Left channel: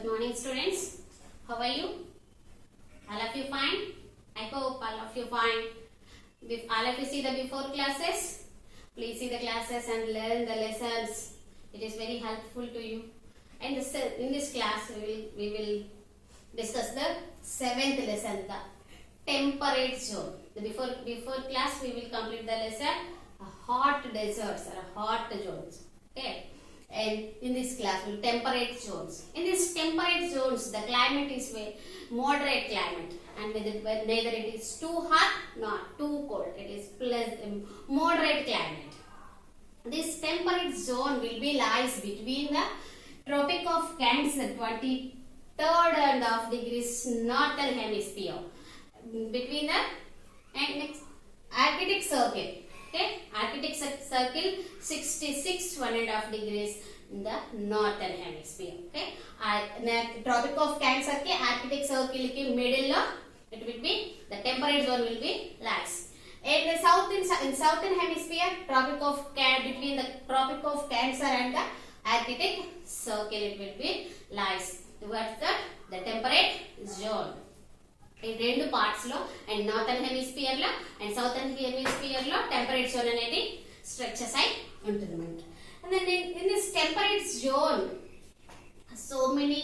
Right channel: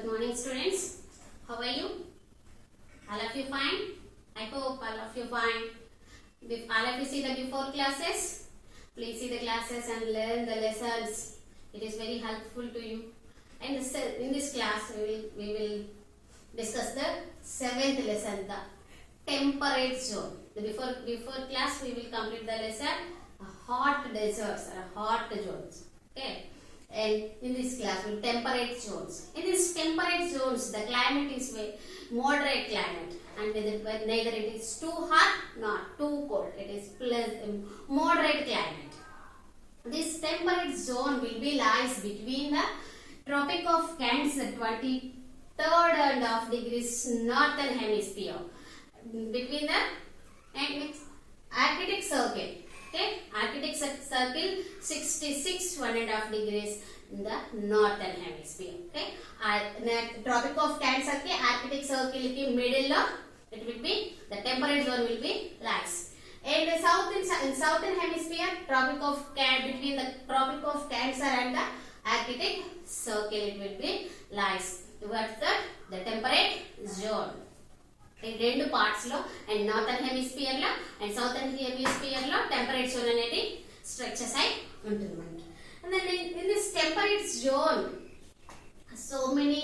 Good morning, students. How are you? All of you fine? I hope all of you fine. All of you see the before classes? Please see the classes and learn the lessons. It is very helpful to you. And in this class, we will discuss the 7th lesson, the temperate zone. The before class, we will complete the lesson hot deserts or hot zones. Okay. And in this class, we will temperate zones. In these temperate zones, the climate is moderate climate, and neither it is too hot nor too cold. It is moderate climate. This temperate zone will be lies between the Tropic of Cancer, 23rd and half degrees northern hemisphere, between the Arctic Circle. Okay, Arctic Circle 66 1.5 degrees in the northern hemisphere. Okay, Tropic of Cancer ke Arctic Circle ke middle of it will be the temperate zone will be lies. And in southern hemisphere, between the Tropic of Cancer and the Arctic Circle it will be lies towards the temperate zone. In రెండు parts లో and northern hemisphere లో and southern hemisphere లో temperate zone అనేది stretches అయి ఉంటుంది మనకి. And then in this temperate zone, so many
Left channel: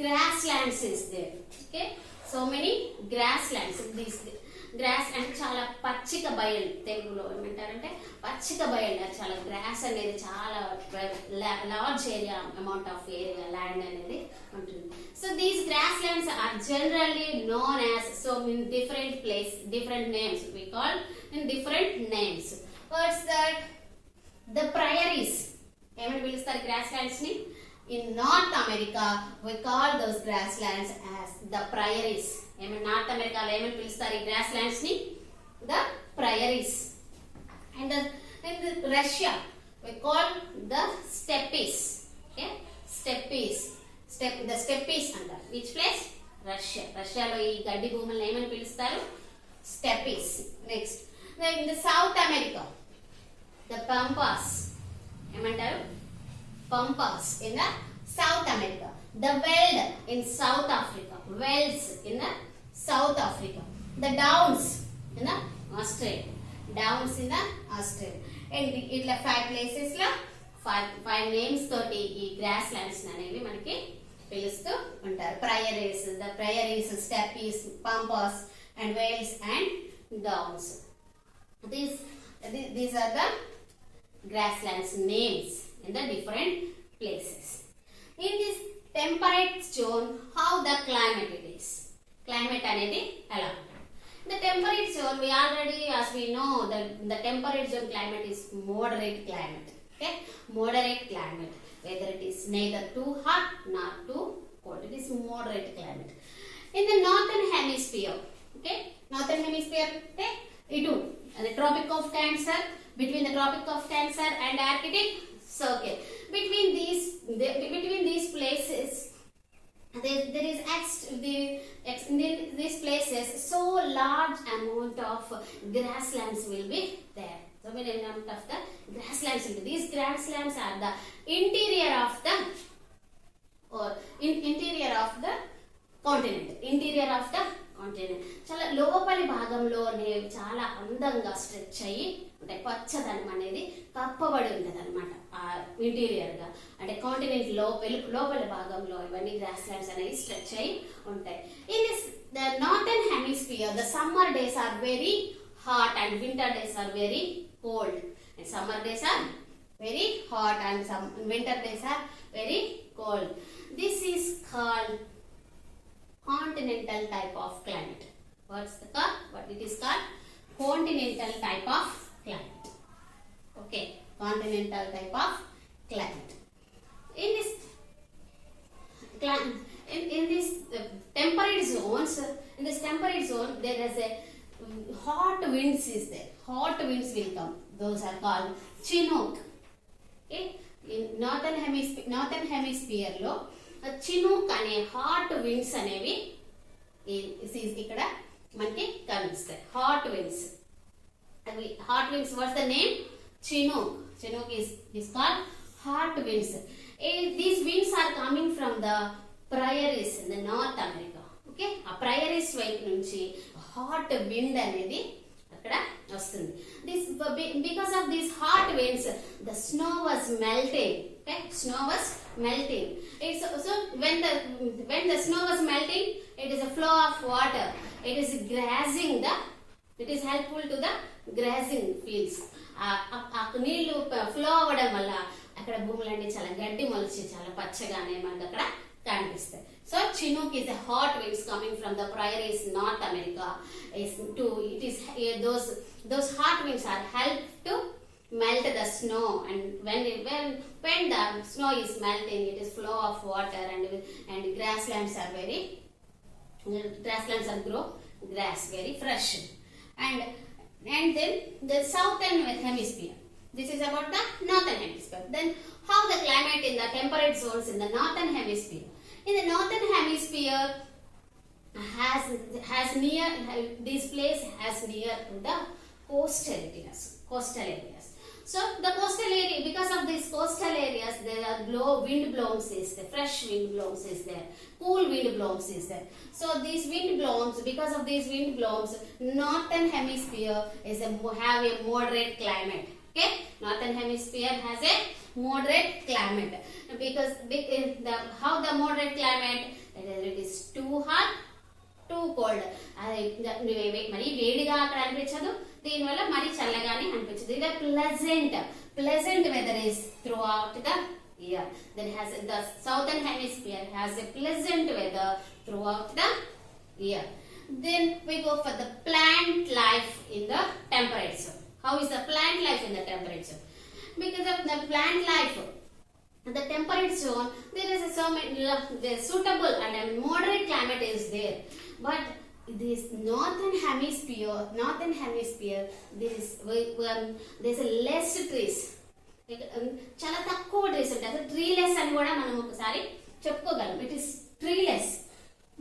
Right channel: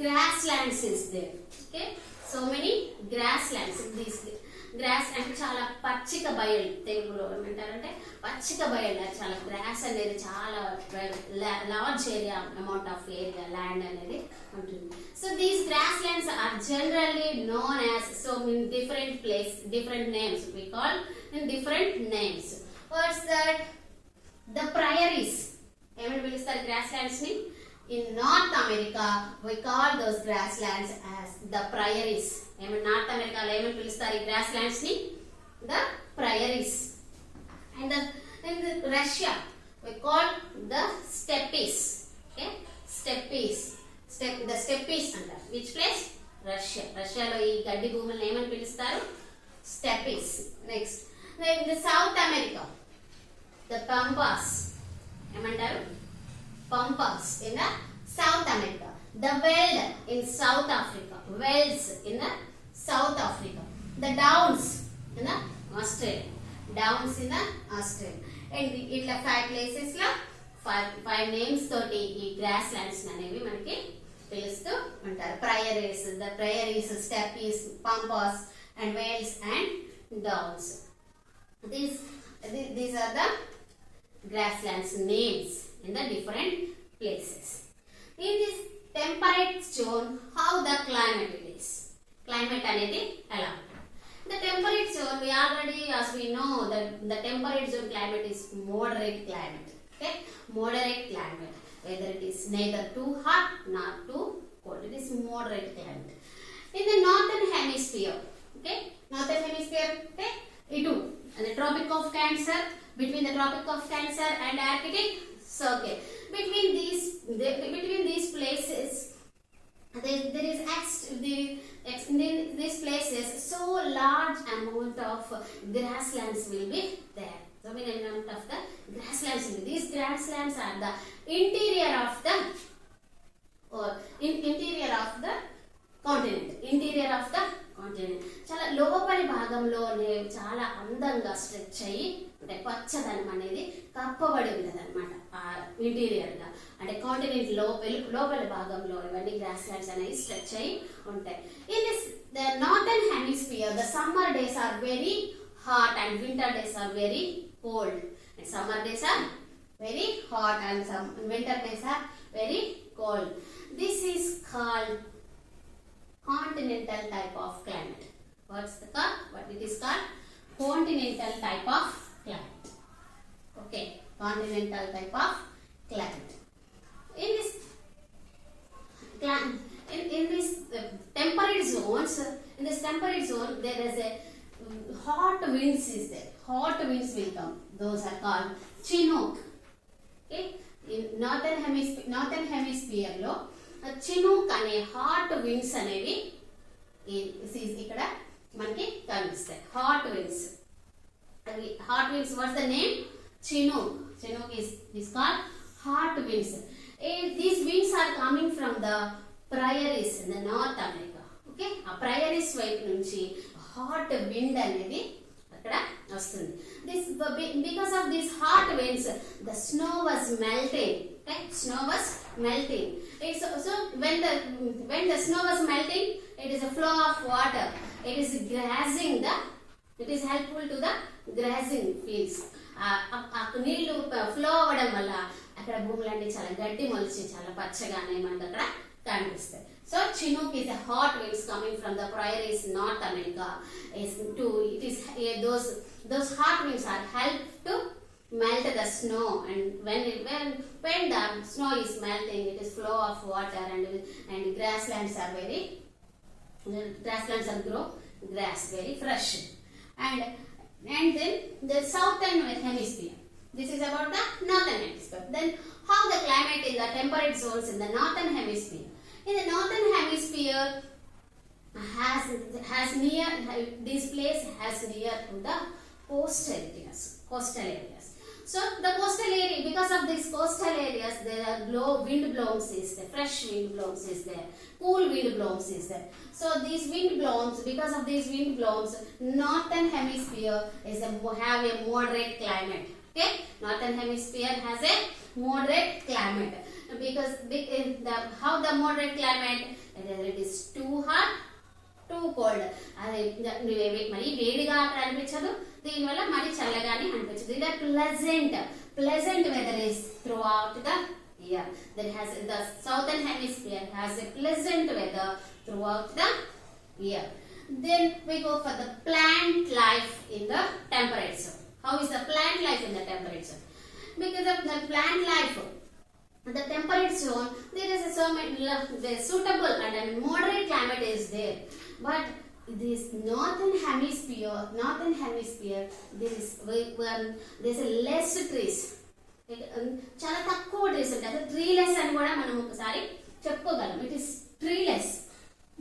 grasslands is there. Okay, so many grasslands. This grass అంటే చాలా పచ్చిక బయలు, తెలుగులో ఏమంటారంటే పచ్చిక బయలు, చాలా గ్రాస్ అనేది చాలా large area amount of area land అనేది ఉంటుంది. So these grasslands are generally known as in different names we call in different names. What's that? The prairies. ఏమని పిలుస్తారు grasslands ని? In North America we call those grasslands as the prairies. North అమెరికాలో ఏమని పిలుస్తారు ఈ grasslands ని? The prairies. And in Russia we call the steppes. Okay, the steppes అంటారు. Which place? Russia. రష్యాలో ఈ గడ్డి భూములను ఏమని పిలుస్తారు? Steppes. Next, in the South America, the pampas. ఏమంటారు? Pampas in the South America. The veld in South Africa. Velds in the South Africa. The downs in the Australia. Downs in the Australia. And ఇట్లా 5 places లో 5 names తోటి ఈ grasslands అనేవి మనకి పిలుస్తూ ఉంటారు. The prairies, steppes, pampas, and vales and downs. These are the grasslands names in the different places. In this temperate zone, how the climate it is? Climate అనేది ఎలా? The temperate zone, we already, as we know, the temperate zone climate is moderate climate. Okay, moderate climate. Whether it is neither too hot nor too cold, it is moderate climate. In the northern hemisphere, okay, northern hemisphere, okay, itu the Tropic of Cancer, between the Tropic of Cancer and Arctic Circle. Between these places, there is in these places so large amount of grasslands will be there. So many amount of the grasslands. These grasslands are the interior of the continent. చాలా లోపలి భాగంలోనే చాలా అందంగా stretch అయ్యి అంటే పచ్చదనం అనేది కప్పబడి ఉంటుంది అనమాట. ఇంటీరియర్ గా అంటే కాంటినెంట్ లోపలి భాగంలో ఇవన్నీ గ్రాస్లాండ్స్ అనేవి స్ట్రెచ్ అయ్యి ఉంటాయి. In this the northern hemisphere, the summer days are very hot and winter days are very cold. And summer days are very hot and some winter days are very cold. This is called continental type of climate. What it is called? Continental type of climate. Okay, continental type of climate. In this temperate zones, in this temperate zone there is a hot winds is there. Hot winds will come. Those are called Chinook. Okay, in northern hemisphere lo Chinook ane hot winds అనేవి ఇక్కడ మనకి కనిపిస్తాయి. Hot winds. What's the name? Chinook. Chinook is called hot winds. These winds are coming from the prairies in the North America. Okay, ఆ prairies వైపు నుంచి hot wind అనేది అక్కడ వస్తుంది. This because of these hot winds, the snow was melting. Okay, snow was melting. So when the snow was melting, it is a flow of water. It is grazing the. It is helpful to the grazing fields. ఆ నీళ్లు flow అవ్వడం వల్ల అక్కడ భూములన్నీ చాలా గడ్డి మొలిచి చాలా పచ్చగానే మనకు అక్కడ కనిపిస్తాయి. So Chinook is a hot winds coming from the prairies North America. Those hot winds are help to melt the snow, and when the snow is melting, it is flow of water, and grasslands are grow grass very fresh, and then the southern hemisphere. This is about the northern hemisphere. Then how the climate in the temperate zones in the northern hemisphere. In the northern hemisphere has near this place has near to the coastal areas. So the coastal area, because of these coastal areas, there are wind blows is there, fresh wind blows is there, cool wind blows is there. So these wind blows, because of these wind blows, northern hemisphere have a moderate climate. Okay, northern hemisphere has a moderate climate because how the moderate climate, it is too hot, too cold. అది మరి వేడిగా అక్కడ అనిపించదు, దీనివల్ల మరి చల్లగానే అనిపించదు. ఇది pleasant weather is throughout the year. That has the southern hemisphere has a pleasant weather throughout the year. Then we go for the plant life in the temperate zone. How is the plant life in the temperate zone? Because of the plant life, the temperate zone, there is the suitable and moderate climate is there. But this northern hemisphere, there is a less trees. చాలా తక్కువ trees ఉంటాయి. అసలు ట్రీలెస్ అని కూడా మనం ఒకసారి చెప్పుకోగలం. It is treeless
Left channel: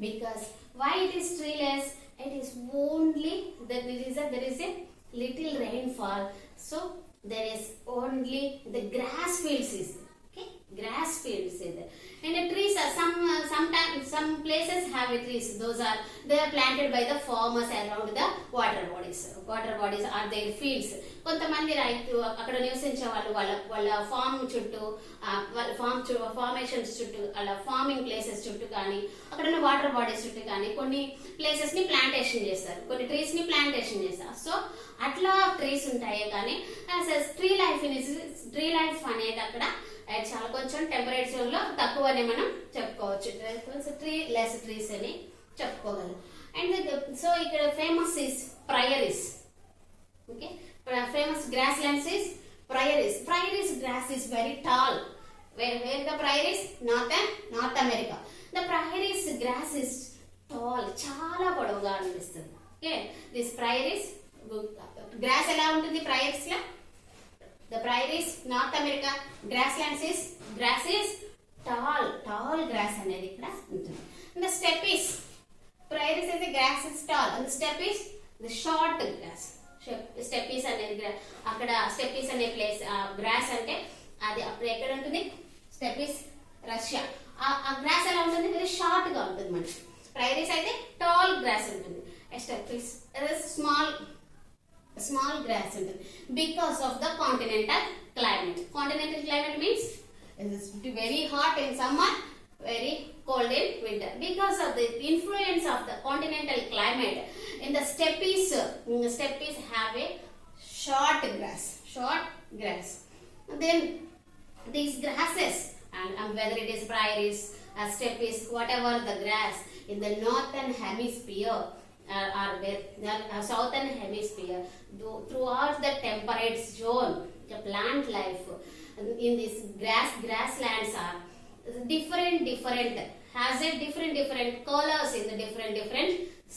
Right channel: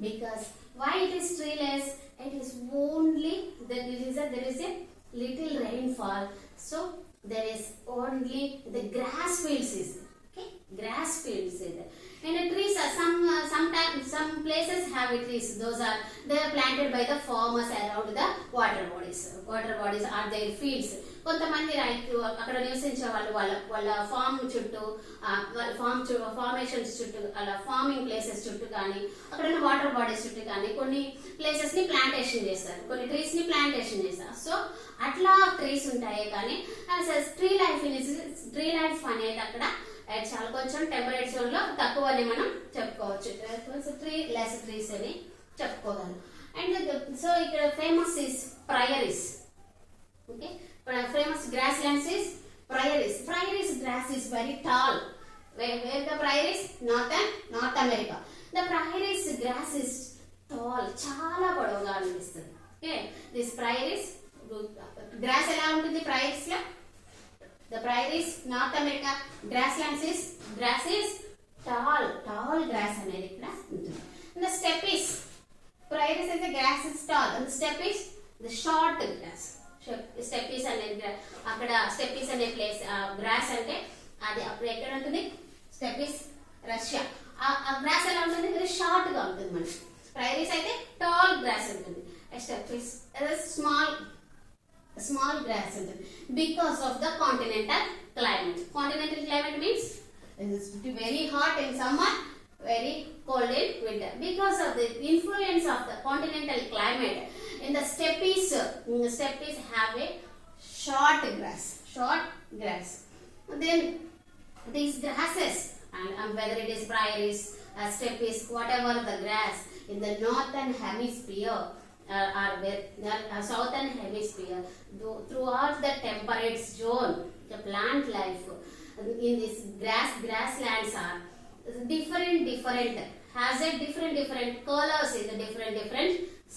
because why it is treeless? It is only there is a little rainfall, so there is only the grass fields is there. Okay, grass fields is there. And the trees are sometimes some places have trees. They are planted by the farmers around the water bodies are their fields. కొంతమంది రైతు అక్కడ నివసించే వాళ్ళ form చుట్టూ formations చుట్టూ అలా farming places చుట్టూ కానీ అక్కడ ఉన్న వాటర్ బాడీస్ చుట్టూ కానీ కొన్ని ప్లేసెస్ ని ప్లాంటేషన్ చేస్తారు, కొన్ని ట్రీస్ ని ప్లాంటేషన్ చేస్తారు. సో అట్లా ట్రీస్ ఉంటాయి. కానీ ట్రీ లైఫ్ అనేది అక్కడ చాలా కొంచెం టెంపరేట్ జోన్ లో తక్కువ అని మనం చెప్పుకోవచ్చు. లెస్ ట్రీస్ అని చెప్పుకోగలం. అండ్ సో ఇక్కడ famous is prairies. Okay, famous grasslands is prairies. Prairies grass is very tall. Where the prairies? North America. The prairies grass is tall, చాలా పొడవుగా అనిపిస్తుంది. Okay, this prairies grass ఎలా ఉంటుంది prairies లో? The prairies North America grass is tall grass అనేది ఇక్కడ ఉంటుంది. And the steppe is prairies అయితే grass is tall, and the steppe is the short grass. Steppes అనేది అక్కడ స్టెప్పీస్ అనే ప్లేస్ గ్రాస్ అంటే అది అప్పుడు ఎక్కడ ఉంటుంది? Steppes Russia. ఆ గ్రాస్ ఎలా ఉంటుంది? వెరీ షార్ట్ గా ఉంటుంది. మనకి ప్రైరీస్ అయితే టాల్ గ్రాస్ ఉంటుంది. స్టెప్పీస్ స్మాల్ గ్రాస్ ఉంటుంది. Because of the continental climate means it is very hot in summer, very cold in winter. Because of the influence of the continental climate, in the steppes have a short grass. And then these grasses, and whether it is prairies or steppes, whatever the grass in the northern hemisphere or southern hemisphere, throughout the temperate zone, the plant life in this grasslands are different has a different colors in the different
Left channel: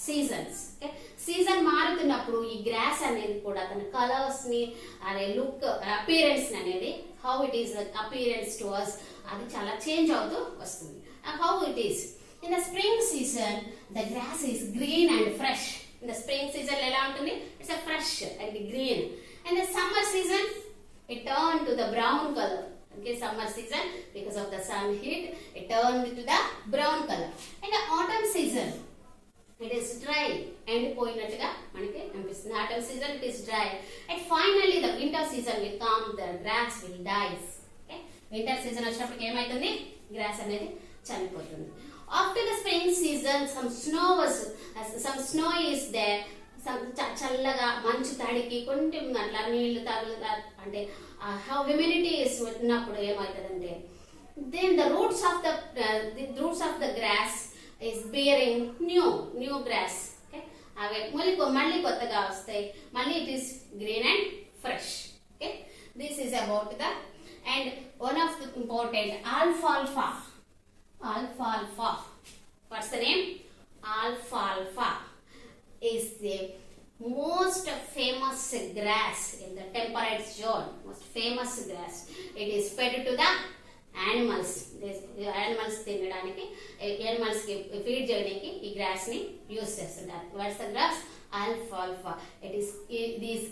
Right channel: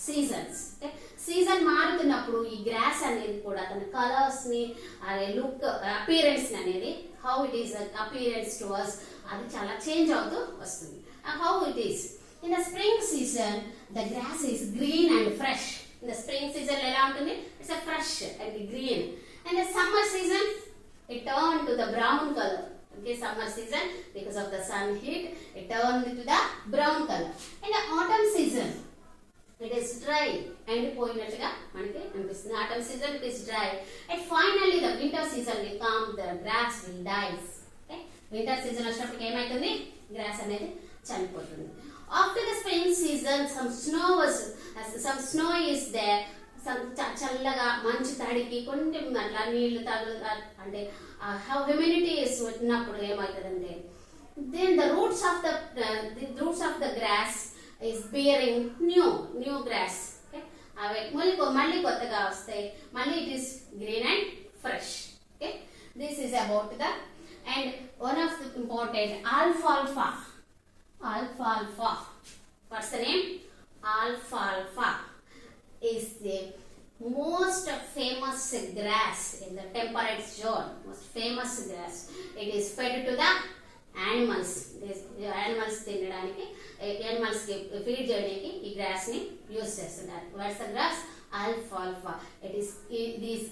seasons. Okay, season మారుతున్నప్పుడు ఈ gross అనేది కూడా తన colours ని అదే look appearance అనేది how it is appearance to us అది చాలా చేంజ్ అవుతూ వస్తుంది. How it is in the spring season, the grass is green and fresh. In the spring season ఎలా ఉంటుంది? It's a fresh and green. And the summer season it turned to the brown color. Okay, summer season, because of the sun heat, it turned to the brown color. And the autumn season, it is dry. ఎండిపోయినట్టుగా మనకి అనిపిస్తుంది. Autumn season, it is dry. And finally, the winter season will come, the grass will dies. Okay, winter season వచ్చినప్పుడు ఏమైతుంది? Gross అనేది చనిపోతుంది. After the spring season, some snow is there. చల్లగా మంచు తడికి కొంచెం అట్లా నీళ్లు తగులుగా అంటే హ్యూమిడిటీ ఉన్నప్పుడు ఏమవుతుందంటే then the roots of the grass is bearing new grass. Okay, అవి మళ్ళీ కొత్తగా వస్తాయి. మళ్ళీ it is green and fresh. Okay, this is about the and one of the important alfalfa. What's the name? Alfalfa is the most famous grass in the temperate zone. Most famous grass. It is fed to the animals. Animals తినడానికి animals కి feed చేయడానికి ఈ gross ని use చేస్తుంటారు. What's the grass? Alfalfa. It is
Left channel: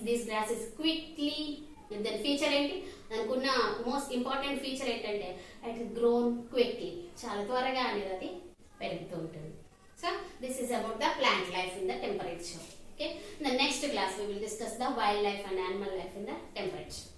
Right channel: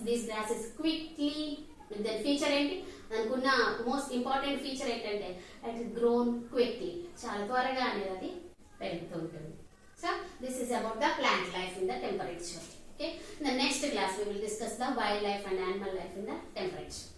this grass is quickly. The feature ఏంటి? దానికున్న most important feature ఏంటంటే it grown quickly. చాలా త్వరగా అనేది అది పెరుగుతూ ఉంటుంది. So this is about the plant life in the temperate zone. Okay, in the next class we will discuss the wildlife and animal life in the temperate zone.